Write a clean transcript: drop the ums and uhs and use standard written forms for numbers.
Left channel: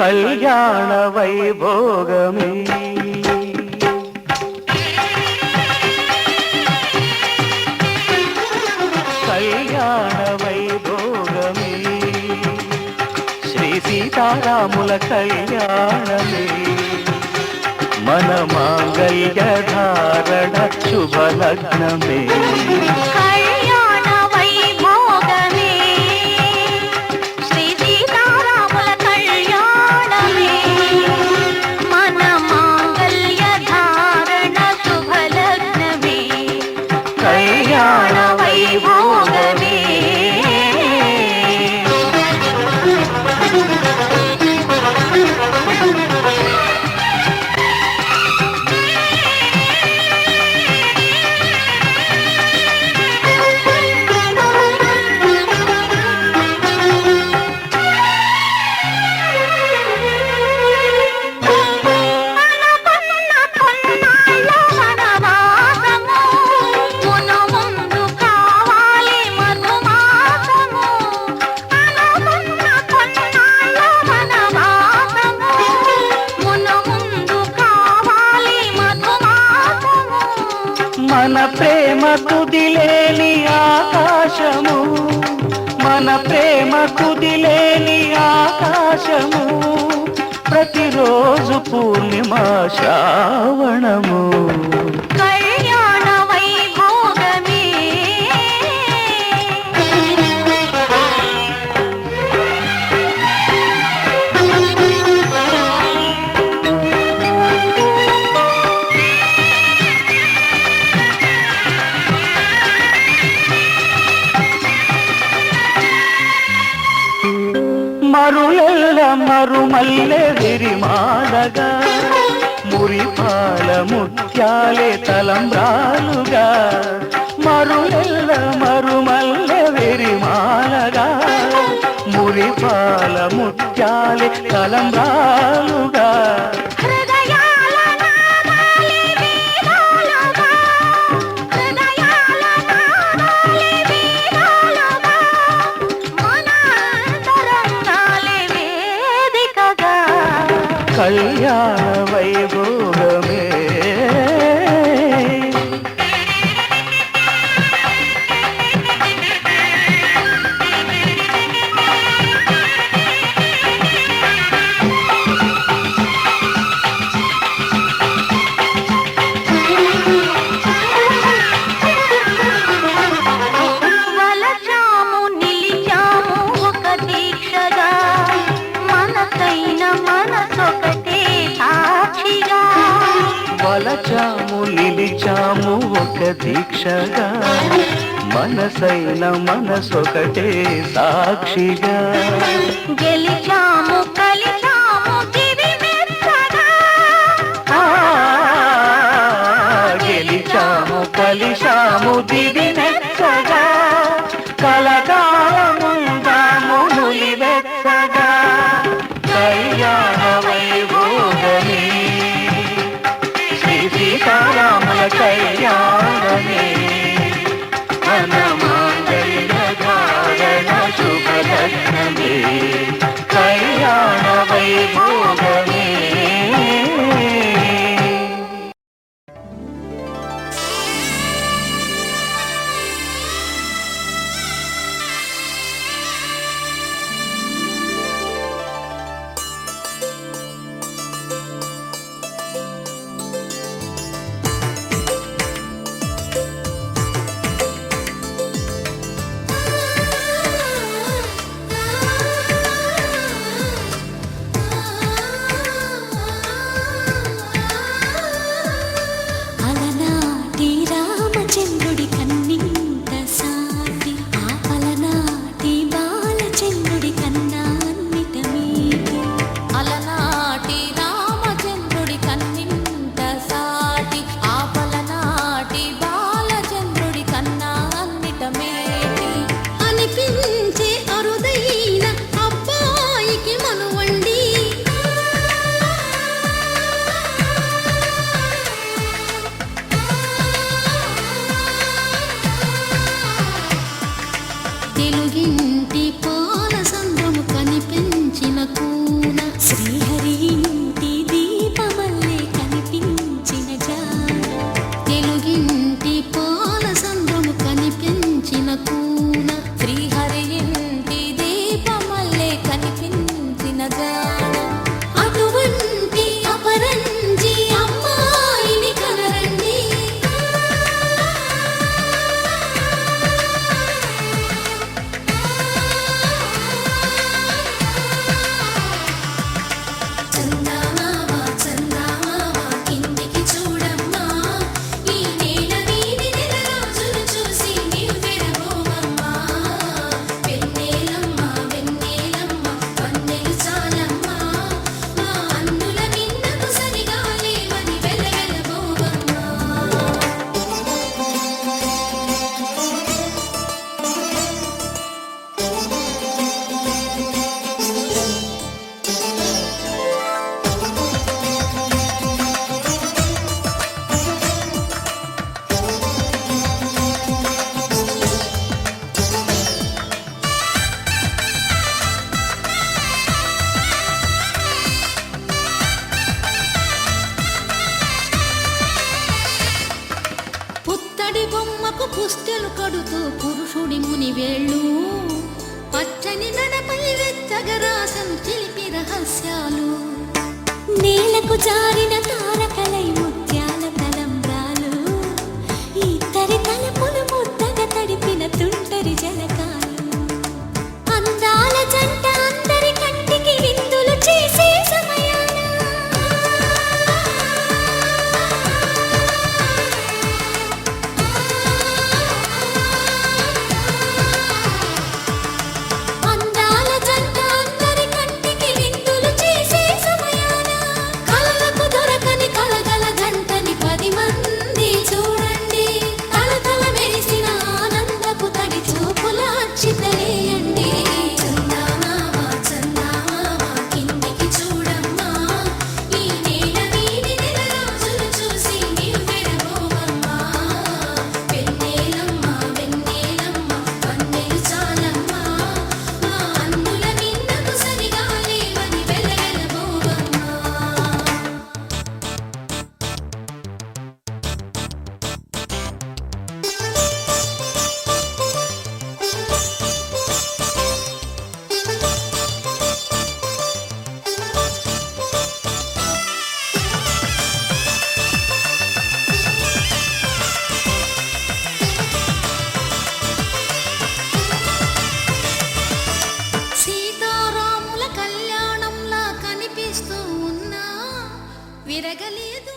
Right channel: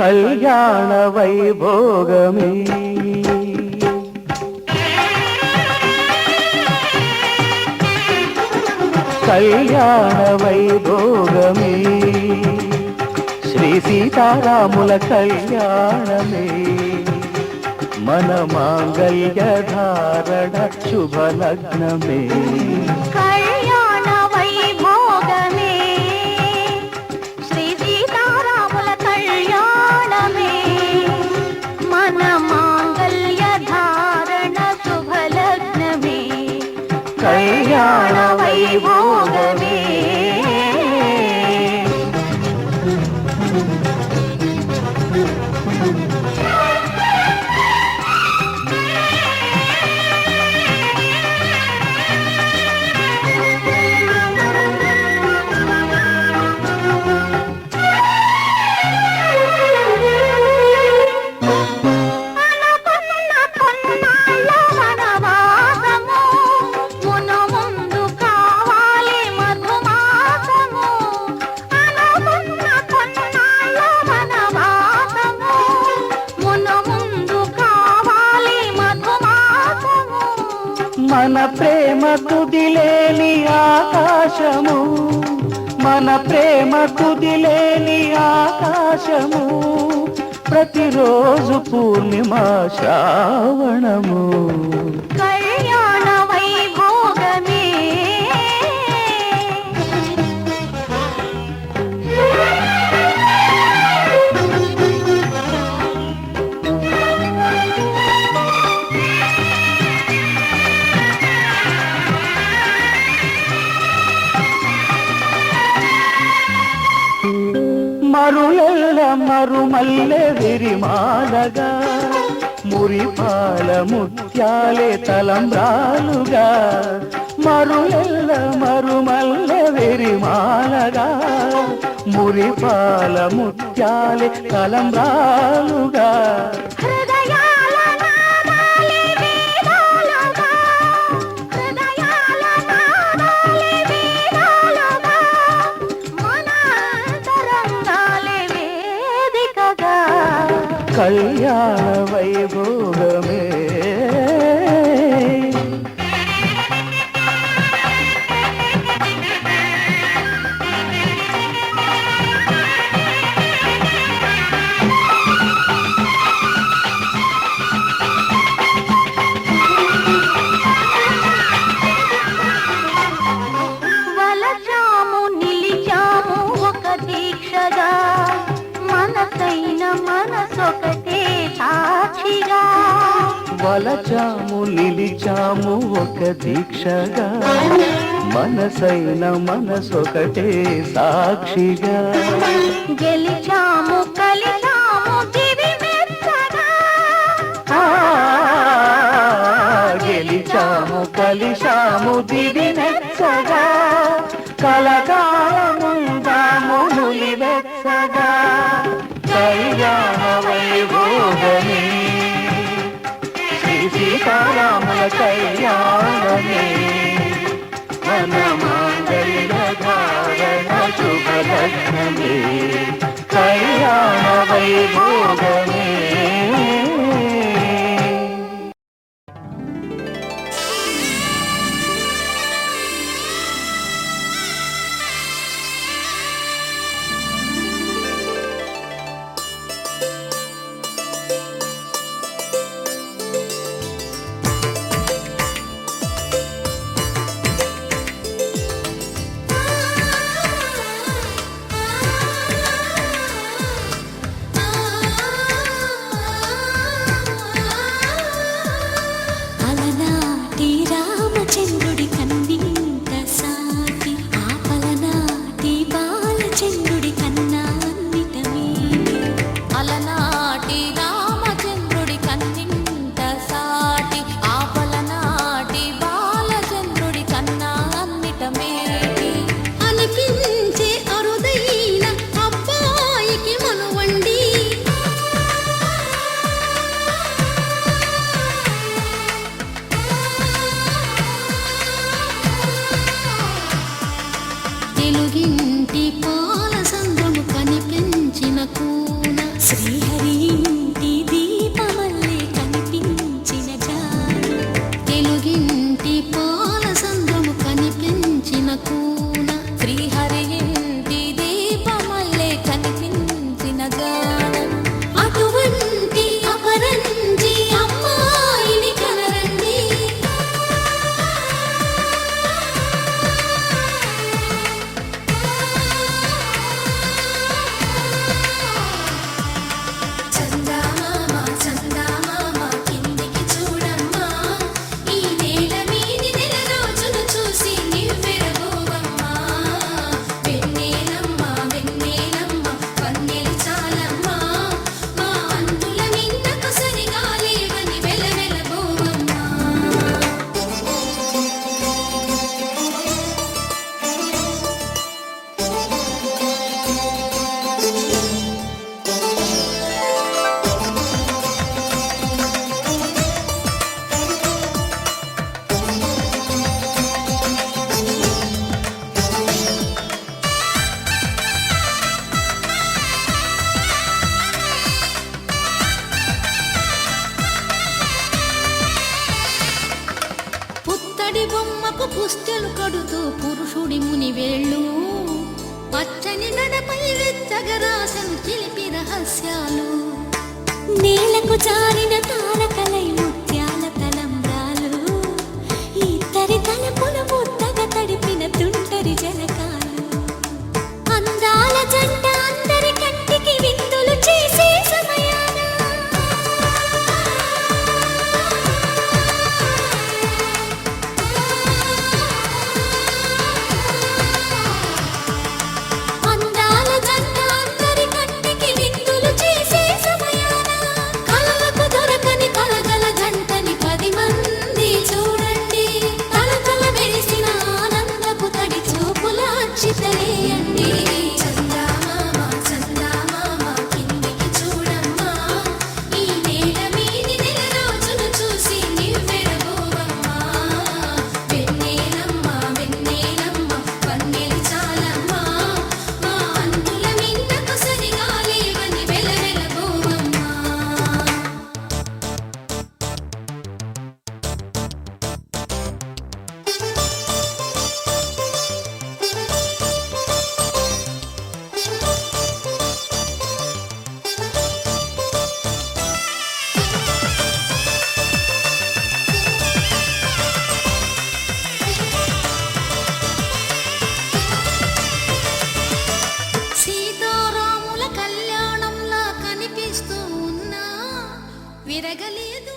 కళ్యాణ వైభోగమే కళ్యాణ వైభోగమే శ్రీ సీతారాముల కళ్యాణమే మన మాంగళ్య ధారణ శుభలగ్నమే కళ్యాణ వైభోగమే మన ప్రేమ తుదిలేని ఆకాశము మన ప్రేమ తుదిలేని ఆకాశము ప్రతిరోజు పూర్ణిమ శ్రావణము కళ్యాణ వైభోగమే మరులెల్ల మరుమల్లె విరిమాలగా మురిపాల ముత్యాలే తలంబ్రాలుగా మరులెల్ల మరుమల్లె విరిమాలగా మురిపాల ముత్యాలే తలంబ్రాలుగా కళ్యాణ వైభోగమే వలచాము నిలిచాము ఒక దీక్షగా మనసైన మనసొకటే సాక్షిగా గెలిచాము కలిచాము దివి మెత్తగా గెలిచాము కలిశాము దివి మెత్తగా కలకాలముందాము నులివెచ్చగా కళ్యాణ వైభోగమే సీతారాముల కళ్యాణమే మన మాంగళ్య ధారణ శుభలగ్నమే కూన. శ్రీహరి ఇంటి దీపమల్లే కనిపించిన జాన, తెలుగింటి పాల సంద్రము కనిపించిన కూన. శ్రీహరి ఇంటి దీపమల్లే కనిపించిన జాన, అటువంటి అపరంజి అమ్మాయిని కనరండి. చందమామ చందమామ కిందికి చూడమ్మా, ఈ నేల వీడి నెల రోజులు చూసి నివ్వెరబోవమ్మా. వెన్నెలమ్మ వెన్నెలమ్మ వన్నెలు చాలమ్మా, మా అందుల నిన్నకు సరిగా లేవని వెలవెలబోవమ్మా. పుత్తడి బొమ్మకు పుస్తెలు కడుతూ పురుషుడి ముని వేళ్ళు, పచ్చని నడపై వెచ్చగరాసను చిలిపి రహస్యాలు. నేలకు జారిన తారకలై ముత్యాల తలంబ్రాలు, ఇద్దరి తలపులు ముద్దగా తడిపిన తుంటరి జలకాలు. అందాల జంట అందరి కంటికి విందులు చేసే సమయాన, అందాల జంట అందరి కంటికి విందులు చేసే సమయాన, కలలకు దొరకని కలగల జంటని 10 మంది చూడండి. తలతల మెరిసిన ఆనందపు తడి చూపుల అక్షితలేయండి. చందమామ చందమామ కిందికి చూడమ్మా, ఈ నేల వీడి నెల రోజులు చూసి నివ్వెరబోవమ్మా. వెన్నెలమ్మ వెన్నెలమ్మ వన్నెలు చాలమ్మా, మా అందుల నిన్నకు సరిగా లేవని వెలవెలబోవమ్మా. సీతారాముల కళ్యాణంలా కనిపిస్తూ ఉన్నా విరగలేదు.